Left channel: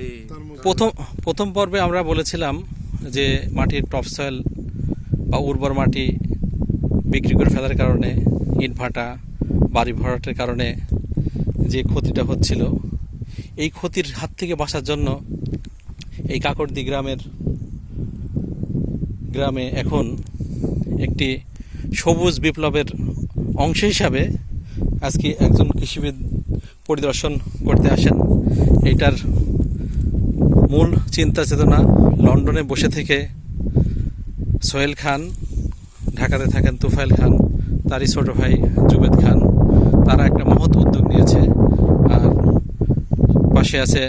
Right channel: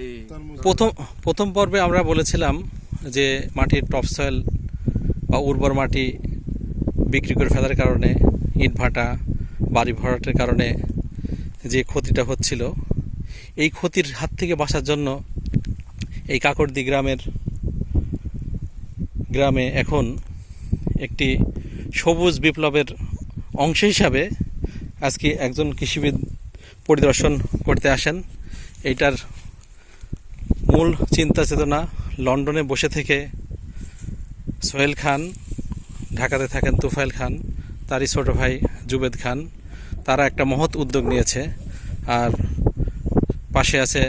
এই প্রথম পর্বে আমরা বলেছিলাম যে মাটির টপ সয়েল বা উর্বর মাটি বিক্রি করে ফেলার কারণে ইটভাটা বাড়ি ভরাটের কারণে যে ক্ষতিটা হচ্ছিল, এই ক্ষতির হাত থেকে বাঁচার জন্য এই কাকরদি গ্রামে এখন একটি সবুজ বিপ্লবের অংশ হিসাবে আজকে একজন কৃষিবিদ পরিদর্শন করতে আসেন। এইটার মূল চিন্তা চেতনা লন্ডনে বসে থেকে সোহেল খান, ঢাকাতে থাকেন তুফাইল খান, তারই ছোট ভাই জুবেদ খান, তারা একটা মহৎ উদ্যোগ নিয়েছে। আর পাশে আছে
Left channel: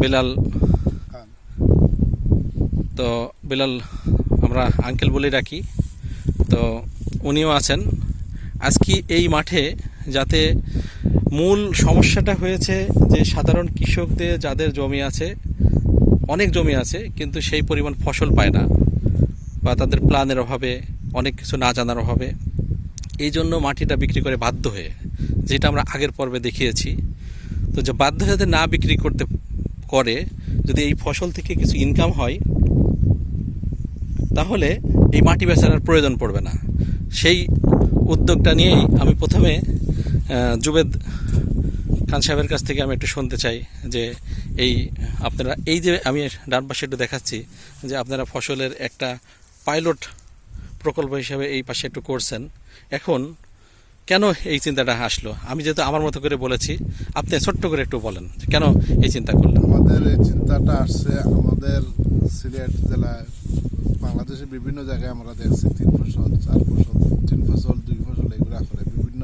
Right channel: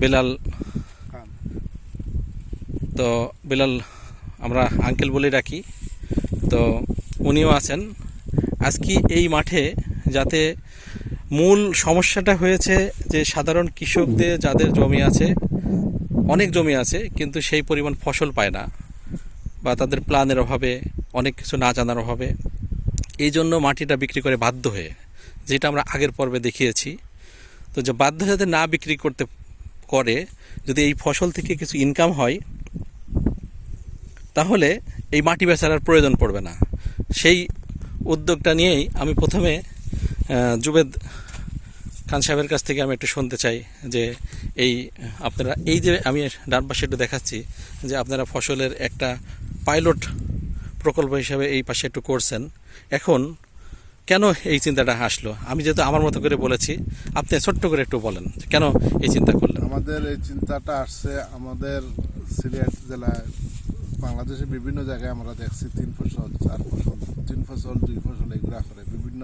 বিলাল। তো বিলাল আমরা আঙ্কেল বলে ডাকি, তো উনিও আছেন আজকে এই মাঠে। যাতে মূল সমস্যাটা হয়েছে যে সাধারণ কৃষকদের যাদের জমি আছে, অনেক জমি আছে কিন্তু সেই পরিমাণ ফসল পায় না, বা তাদের প্ল্যানের অভাবে, অনেক কিছু না জানার অভাবে, এই জন্য মাটিটা বিক্রি করে বাধ্য হয়ে, যেটা আমরা আগের পর্বে দেখিয়েছি। তো যে বাধ্য যাতে না বিক্রি করতে করে, যদি এই ফসল থেকে কিছু ইনকাম হয়, তাহলে এই মাটি বেচার আর প্রয়োজন পড়বে না। সেই উদ্যোগটা নিয়েই আমি প্রথমে জুবেদ খান সাহেবের কাছ থেকে আমি একটু শুনতে চাই যে আপনারা এই যে আমি ডান পাশে একটু দেখাচ্ছি যে আপনারা ফসলের একটা পাইলট প্রকল্প হিসাবে এই পাশে একটু করছেন। এখন কেন এই চিন্তাটা আসলো? আমি যেহেতু আমার মতো করে বলেছি, আপনি ছোট্ট করে একটু বলেন কেন এই চিন্তা করলেন। আমাদের এই চিন্তাটা আসছে আমাদের সিলেট জেলায়, বাংলাদেশের বিভিন্ন জায়গায় আমরা দেখছি 3 ফসল 4 ফসল 3 ফসল 2 ফসল এগুলো করে, বিভিন্ন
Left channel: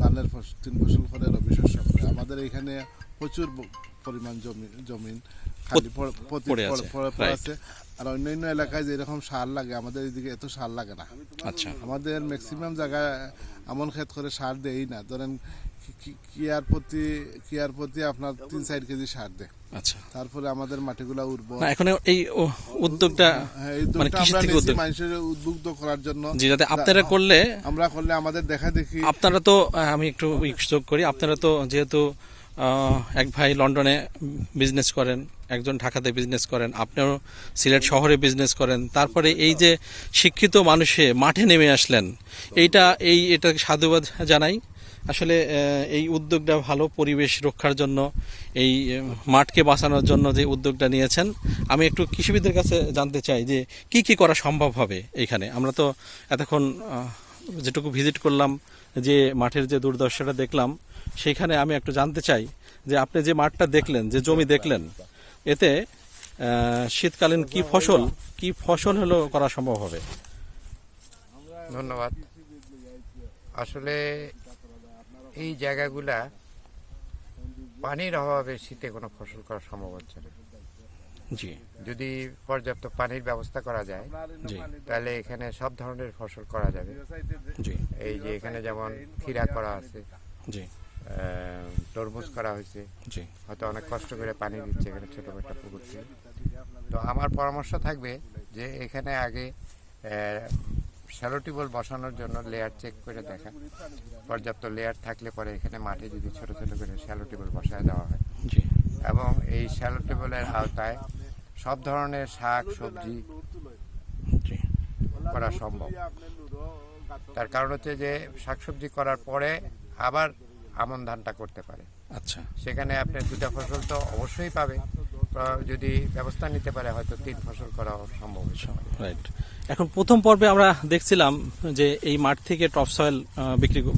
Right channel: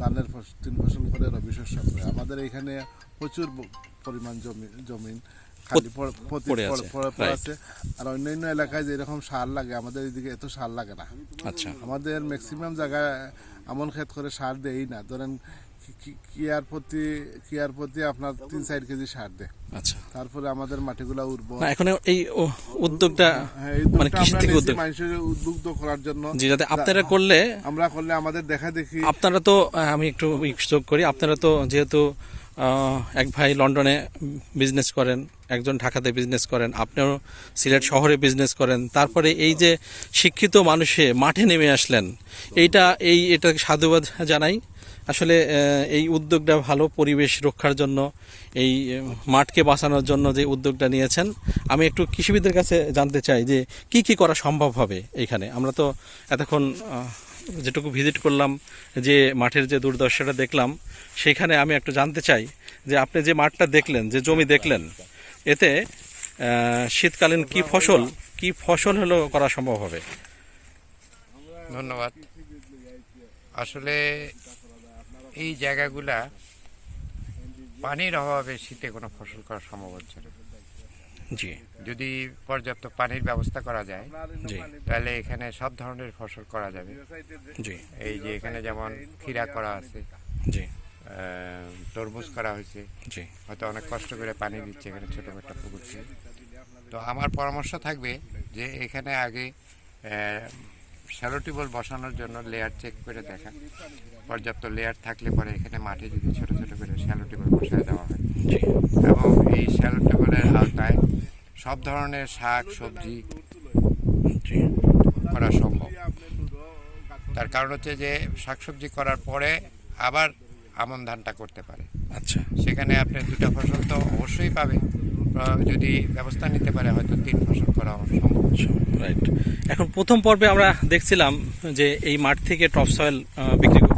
ধানের 3 ফসল করে, রবি শস্য করে। আমাদের এখানে প্রচুর পরিমাণ জমিন খালি পড়ে আছে। আর অন্যান্য এলাকায় যেরকম সার লাগে, আমাদের এদিকে এত সার লাগে না। আচ্ছা, আমাদের ম্যাক্সিমাম জায়গায় এমন ক্ষেত করে সার দেই না। ধরেন কিয়ার প্রতি আপনার 3-4 কেজি সার দেয়। আচ্ছা, তারপরে আমাদের মাটিগুলা উর্বর। এখন এই উদ্যোগটা মানে কৃষি থেকে উদ্যোগ, মানুষের উদ্বুদ্ধ করার জন্য, যাতে আপনারা করলে আমাদের দেখা দেখি। আপনারা তো, আমি একটু যোগ করি, আপনারা তো যেহেতু এক ভাই লন্ডনে বিজনেস করেন, একজন ঢাকাতে বিজনেস করেন, আপনিও সিলেট শহরে বিজনেস করেন, তারপরে এই যে শিক্ষিত মানুষে মাঠে নেমে আসলেন, এটা সাধুবাদ জানাই। আসলে এই উদ্যোগটা ভালো, পরিবেশ রক্ষার জন্য, এই মাঠকে বাঁচানোর জন্য যে উদ্যোগটা নিয়েছেন। আমি একটু কৃষিবিদদের কাছে জানতে চাই যে কি করা সম্ভব হবে এইখানে। আমরা তো এতক্ষণ যেটুকু ভিজিট করলাম, যে মাঠের যে দুর্দশাটা দেখলাম, সেইখানে আমি একটু জানতে চাই যে আপনি যে মাঠটা দেখলেন, যে জমি দেখলেন, এতে শীতকালীন কি ফসল হলো করা সম্ভব হবে? ধন্যবাদ। আসলে এই জায়গাগুলা পানির অভাবে শীতে কোনো ফসল করা সম্ভব হচ্ছে না। জি, যদি পর্যাপ্ত পানির ব্যবস্থা করা যায়, জি, তাহলে এখানে সব ধরনের ফসল করা যাবে। জি, এই যে এখানে যেমন ক্ষীরা করা আছে, জি, তরমুজ করা হয়েছে, জি, হয়তো অনেক কষ্ট করে পানি দিচ্ছে এখানে ছোট একটা পুকুর থেকে। তো আমার পরামর্শ থাকবে যে এখানে আগে শ্যালো টিউবওয়েল বসানোর জন্য লেয়ার চেক করে দেখা, পর্যাপ্ত লেয়ার থাকলে পরে এখানে মাঠে যদি ছোট ছোট করে শ্যালো টিউবওয়েল বসায় দেওয়া হয়, জি, এবং এই শ্যালো টিউবওয়েলের আওতায় সব ধরনের শাক সবজি জি, করা সম্ভব। তার কারণ হচ্ছে যে শাকসবজি করার পরে আবার আমন ধানটা করতে পারে। আচ্ছা, সেখানে আপনি 2টা ফসল তো অবশ্যই পাবে, যদি ব্যবস্থা নিতে পারে হয়তো 3 ফসল করা সম্ভব। রাইট। এখন প্রথম পর্বে আমরা দেখছিলাম যে এই মাঠ থেকে টপ সয়েল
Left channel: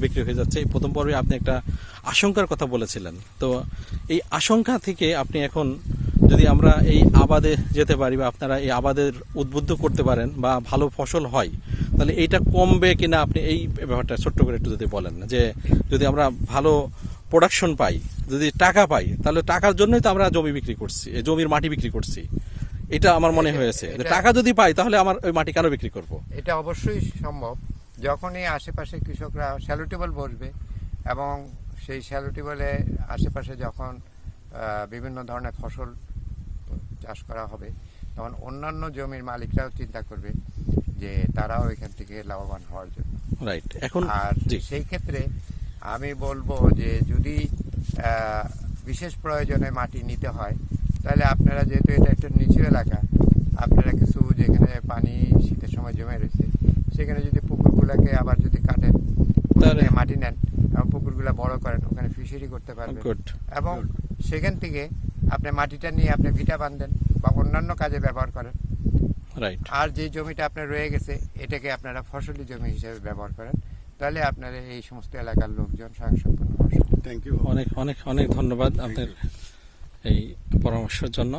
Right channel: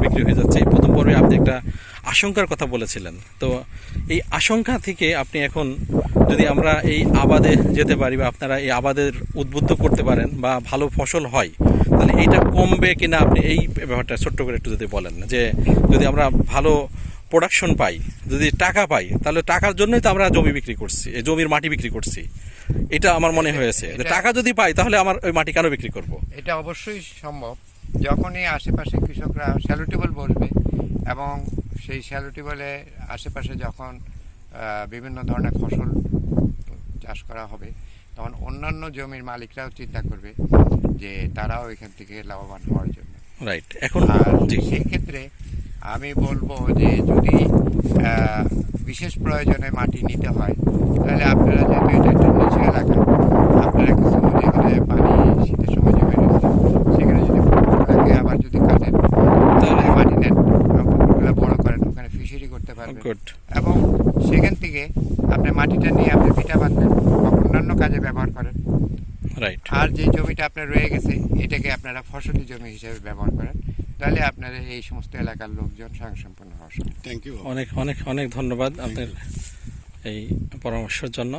বিক্রি হয়ে যাচ্ছে। এই প্রথম পর্বে আপনি একটা আশঙ্কার কথা বলেছিলেন। তো এই আশঙ্কা থেকে আপনি এখন, যদি আমরা এই আবাদে যেতে পারি, বা আপনারা এই আবাদের উদ্বুদ্ধ করতে পারেন, বা ভালো ফসল হয়, তাহলে এইটা কমবে কিনা, আপনি এই ব্যাপারটা ছোট্ট করে একটু যদি বলেন, যে যদি আমরা ভালো প্রোডাকশন পাই, যদি টাকা পাই, তাহলে টাকার জন্যই তো আমরা জমি বিক্রি করছি, এই জমির মাটি বিক্রি করছি। এটা আমার মনে হয়েছে যে টাকা যদি পাই তাহলে আমার ওই মাটি কেন বিক্রি করব? এটা অবশ্যই সম্ভব। যখনই আশেপাশে কৃষকরা শ্যালো টিউবওয়েল বসবে, এবং সেই শ্যালো টিউবওয়েলের আশেপাশে যখন বিভিন্ন ধরনের ফসল চাষ করা হবে, তখন অন্যান্য জমির মালিকরাও চিন্তা করবে যে তারাও এখান থেকে লাভবান হওয়ার জন্য। রাইট। এখন আর জি, সেই ক্ষেত্রে আমি বলবো যে যদি বিশেষ প্রয়োজনে মাটি নিতে হয়, তাহলে আপনারা যেহেতু এটা একটা নিচু এলাকা, আপনারা কিছু যেখানে পানি শীতের সময় জমে গেছে সেখানে যদি পুকুরগুলোকে আবার যদি কাটেন, তাহলে মাটি নেন, পুকুরগুলো বড় করেন, ওখানে ফিশারি করতে পারবেন। গুড। এবং সেখান থেকে আপনি মাটিটা নিয়ে আপনি ভিটা বাঁধবেন বা অন্যান্য কাজে ব্যবহার করেন। রাইট। আর যে জমিটা আপনার রয়ে গেছে এটাকে আপনারা ফসলি জমি হিসেবে ব্যবহার করেন, তাহলে আপনাদের এই সমস্ত এলাকার লোকজন স্বয়ংসম্পূর্ণ হওয়া সম্ভব। অনেক অনেক অনেক ধন্যবাদ আপনার এই পরামর্শের জন্য।